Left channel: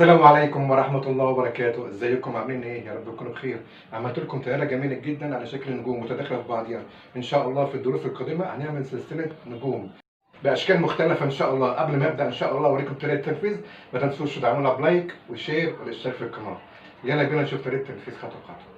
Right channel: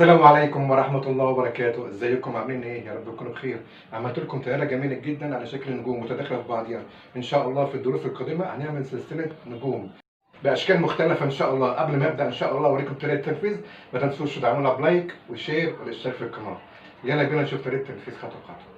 السلام عليكم ورحمة الله وبركاته، ازيكم عاملين ايه؟ يا رب تكونوا بخير. عملت لكم طيارة جميلة جدا على شكل نجوم متداخلة في بعضيها. ان شاء الله في الدروس القادمة هنعمل سلسلة نجوم بأشكال مختلفة ان شاء الله. قبل ما ابدأ ان شاء الله اوريكم طريقة التنفيذ، ما تنسوش تدعمونا بلايك وشير والاشتراك في القناة. يلا بينا نشوف طريقة التنفيذ خطوة بخطوة.